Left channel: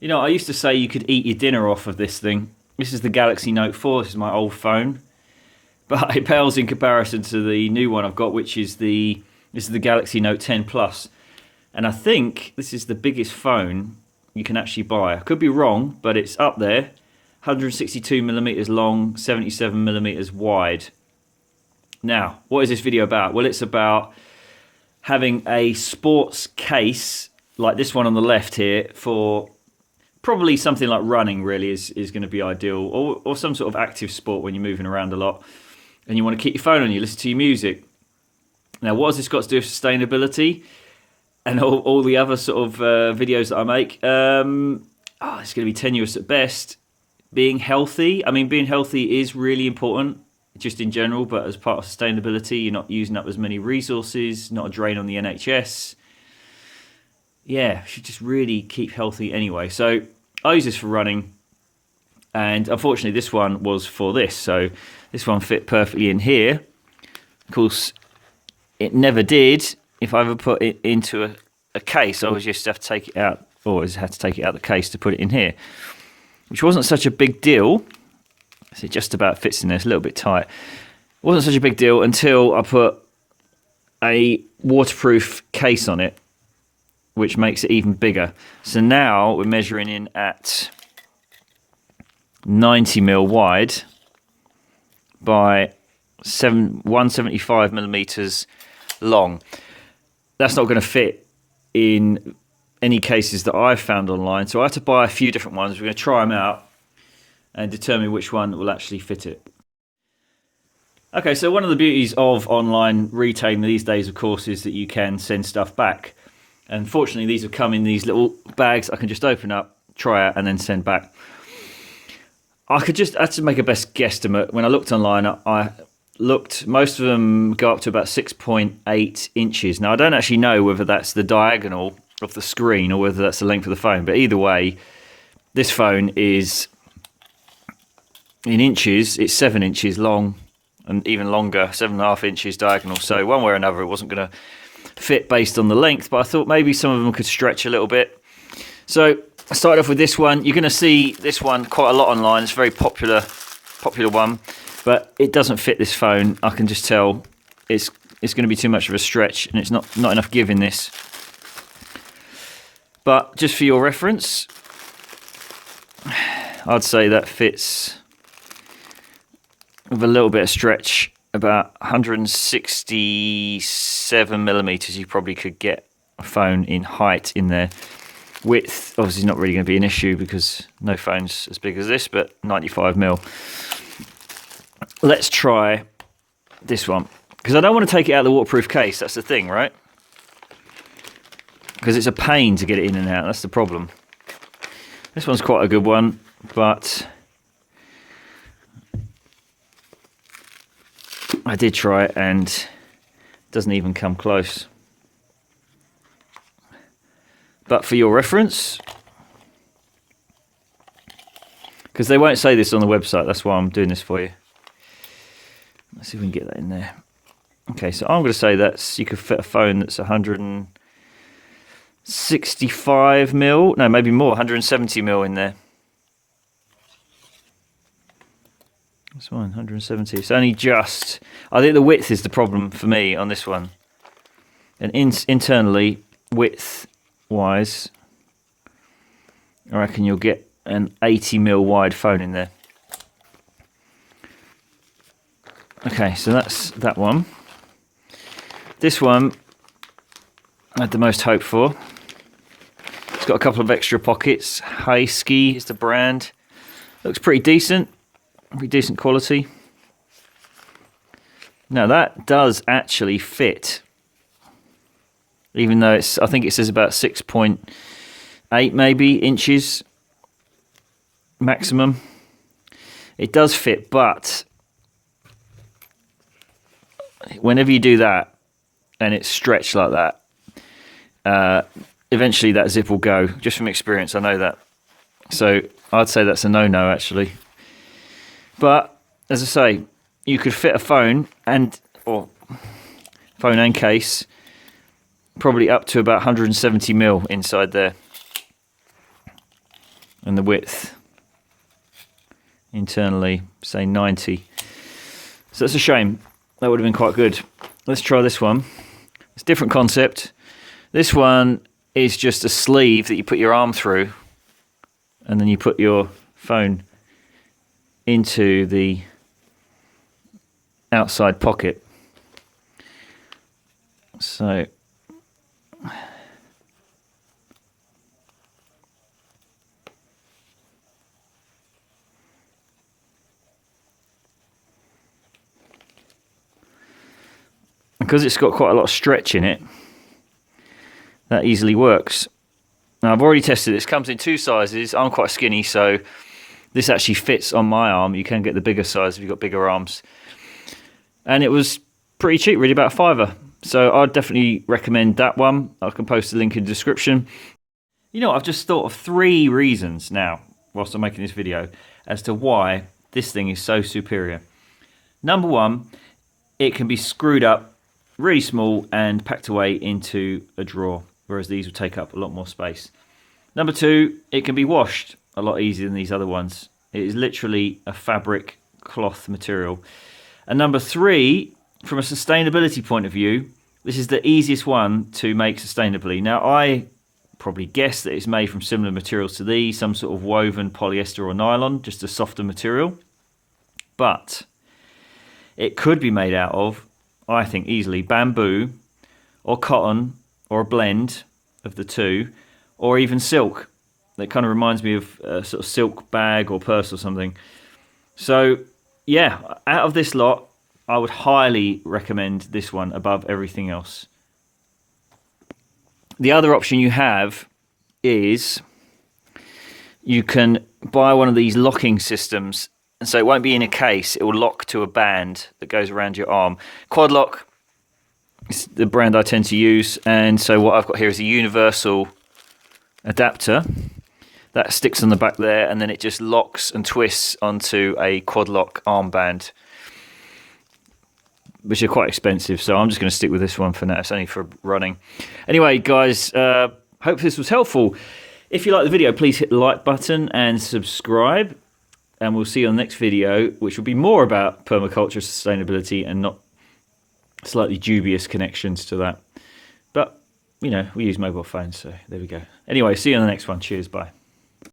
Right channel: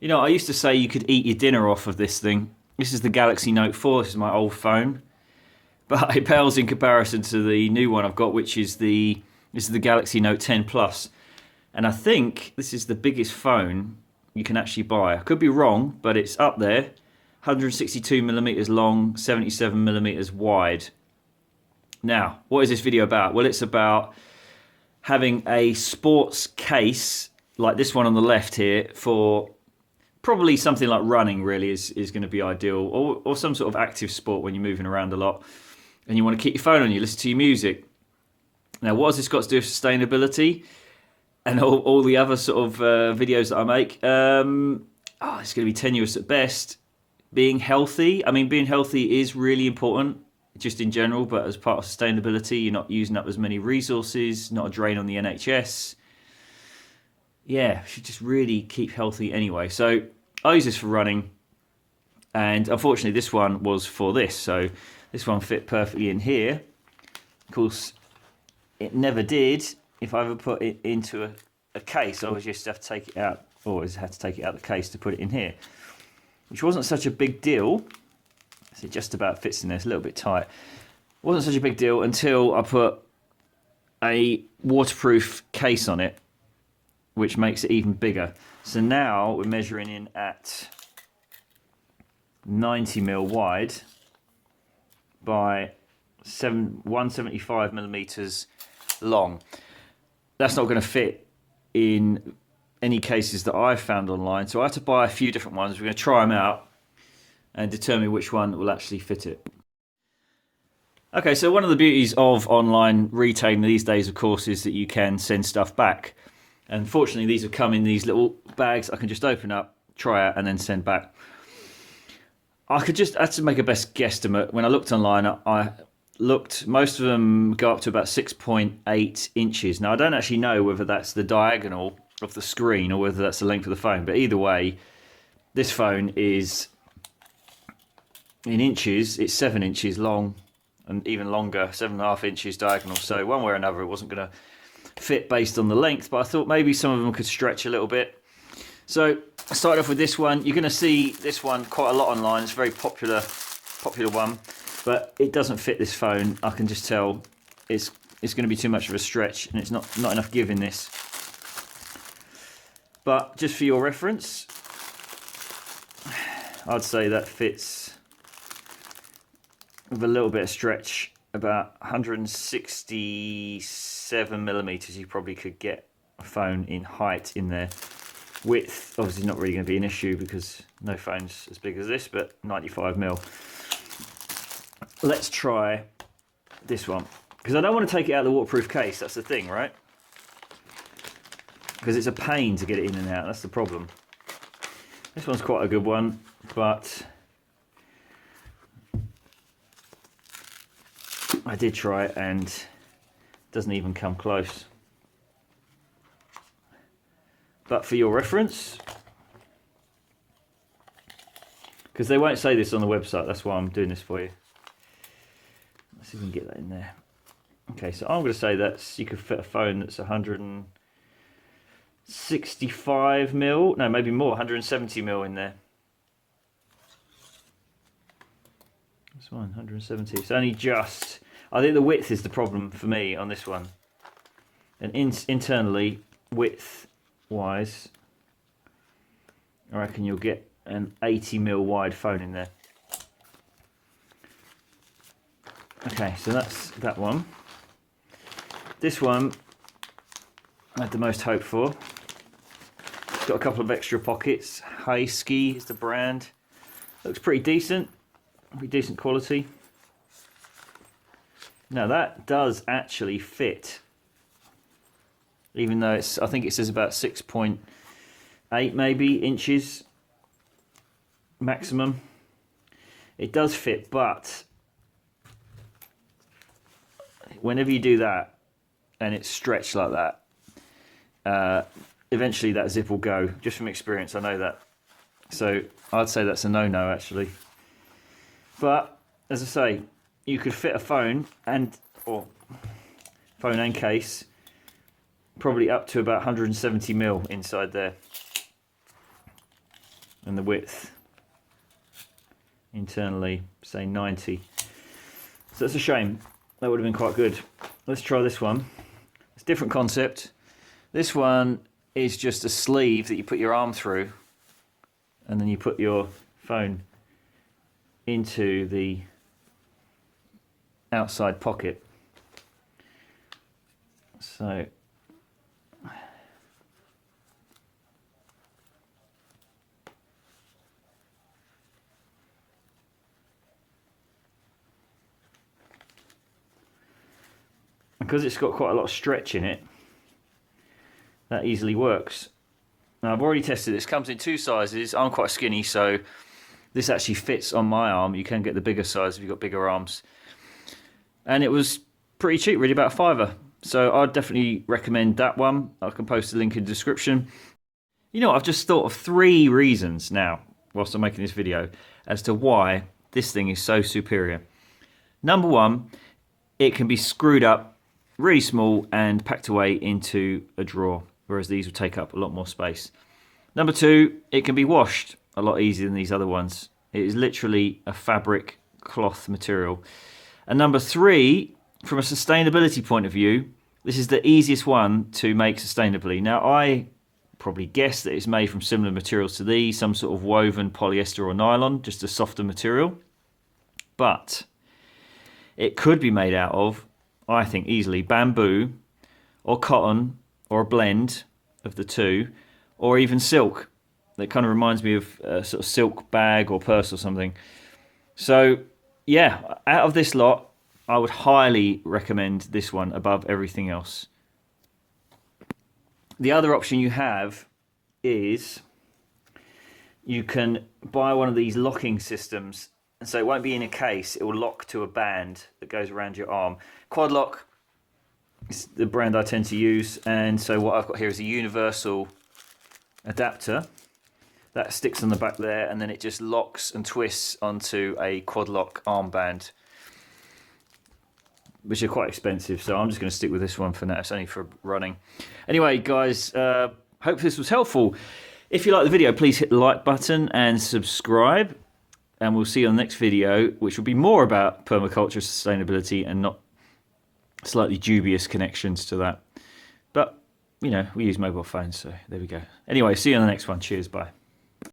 You know, I used to say you could eat your dinner off of this thing. This is the Galaxy Note 4. This is my old phone, but it pales in comparison to the new one I've got, which is the Galaxy Note 10 Plus. And I think this is the biggest phone you can actually buy. I could be wrong, but it's up there. 162 millimeters long, 77 millimeters wide. Now, what is this video about? Well, it's about having a sports case like this one on the left here for probably something like running really is going to be ideal, or some sort of active sport when you're moving around a lot and you want to keep your phone on you, listen to your music. Now, what has this got to do with sustainability and all the other sort of videos that I make? It's going to be tenuous at best. Being healthy, I mean, being healthy is really important just in general, but as part of sustainability, you're not using up as many resources, not a drain on the NHS. Yeah, should just really keep healthy anyway. So I use this for running, and unfortunately this one was for this. So this one fit perfectly in here. Of course, it never did. If I ever put it into a case, I always just have to take it out, always had to take it out of the case to put it in here, which wasn't such a big deal. So it just about fits in there. It's a little bit tight. It wasn't such a big deal until I put a waterproof case on it, which makes it even bigger. So now we're measuring in at 90mm wide by 175 millimeters long. That's not going to fit in any cases that I've found online, so I had to buy a few different ones. We're going to try them out and determine which one will actually fit it. Okay, so one of the beauties of online retailing these days, of course, is that you can send stuff back. And fortunately, these have come in these little bags I can just open up, try out, and then send back. I had to make a best guesstimate. When I looked online, I looked, most of them go up to about 6.8 inches. Now, I don't actually know whether that's the diagonal of the screen or whether that's the length of the phone, but either way, this phone is in inches. It's 7 inches long and even longer, 7.5 inches diagonal. So one way or another, it wasn't going to fit based on the length, but I thought maybe some of them could stretch a little bit. So I started off with this one. You're going to see this one quite a lot online. It's a very popular one, but it doesn't fit this phone. I can just tell it's going to be too much of a stretch, and it's not enough give in this. But just for your reference, I'd say that fits with a little bit of stretch, about 167 millimeters. You probably could get a phone in height in there. Width obviously not really going to be an issue because no phone's as big as this, but 95mm. Let's try this one, because I don't want to take it out of the waterproof case. That's the thing, right? Because it's a pain to get it in and out. That's the problem. This one's quite a good one, but I did try it and it doesn't even come close. But for your reference, because they won't say this on the website, that's why I'm doing this for you. Let's see if we can get that in there. Okay, so I'm going to say you could fit a phone that's 165mm, no, maybe more, 170mm in there. This one, 170. It's only just. I think the width is the problem for me on this one. And internally, width-wise, I reckon you'll get an 80mm wide phone in there. Okay, so that's that one. This one I had the most hope for. It's got a couple of extra pockets. Husky is the brand. Looks pretty decent. Pretty decent quality. Now that does actually fit, even though I think it says about 6.8 maybe inches maximum. It does fit, but whenever you do that and it's stretched like that, eventually that zip will go. Just from experience, I know that. So I'd say that's a no-no actually. But as I say, you could fit a phone and case probably up to about 170mm inside there. and the width internally, say 90. So that's a shame. That would have been quite good. Let's try this one. It's a different concept. This one is just a sleeve that you put your arm through, and then you put your phone into the outside pocket. So because it's got quite a lot of stretch in it, that easily works. Now I've already tested this. It comes in 2 sizes. I'm quite skinny, so this actually fits on my arm. You can get the bigger size if you've got bigger arms. And it was pretty cheap, really, about £5. So I'd definitely recommend that one. I can post a link in the description. You know, I've just thought of 3 reasons now, whilst I'm making this video, as to why this thing is so superior. Number 1, it can be screwed up really small and packed away into a drawer, whereas these will take up a lot more space. Number 2, it can be washed a lot easier than these other ones. It is literally a fabric cloth material. And number 3, from a sustainability point of view, this is the easiest one to make sustainably. Now, I probably guess that it's made from similar materials to these, some sort of woven polyester or nylon, just a softer material. But it could be made out of, I think, easily bamboo or cotton or a blend of the two, or even silk. That kind of reminds me of a sort of silk bag or purse or something. So yeah, out of this lot, I would highly recommend this one above everything else. The other option you have is you can buy one of these locking systems. And so it won't be in a case, it will lock to a band that goes around your arm. Quad Lock is the brand I tend to use, and so what I've got here is a universal adapter that sticks on the back there, and then it just locks and twists onto a Quad Lock armband, which are quite expensive, so I'm just going to stick with this one for now. It's only for running. Anyway, guys, hope this was helpful. If you like the video, please hit the like button and subscribe. And we'll see you on the next video, which will be more about permaculture sustainability and not slightly dubious connections to that. But, you know, we use mobile phones, so there we go. Anyway, see you on the next one. Cheers, bye.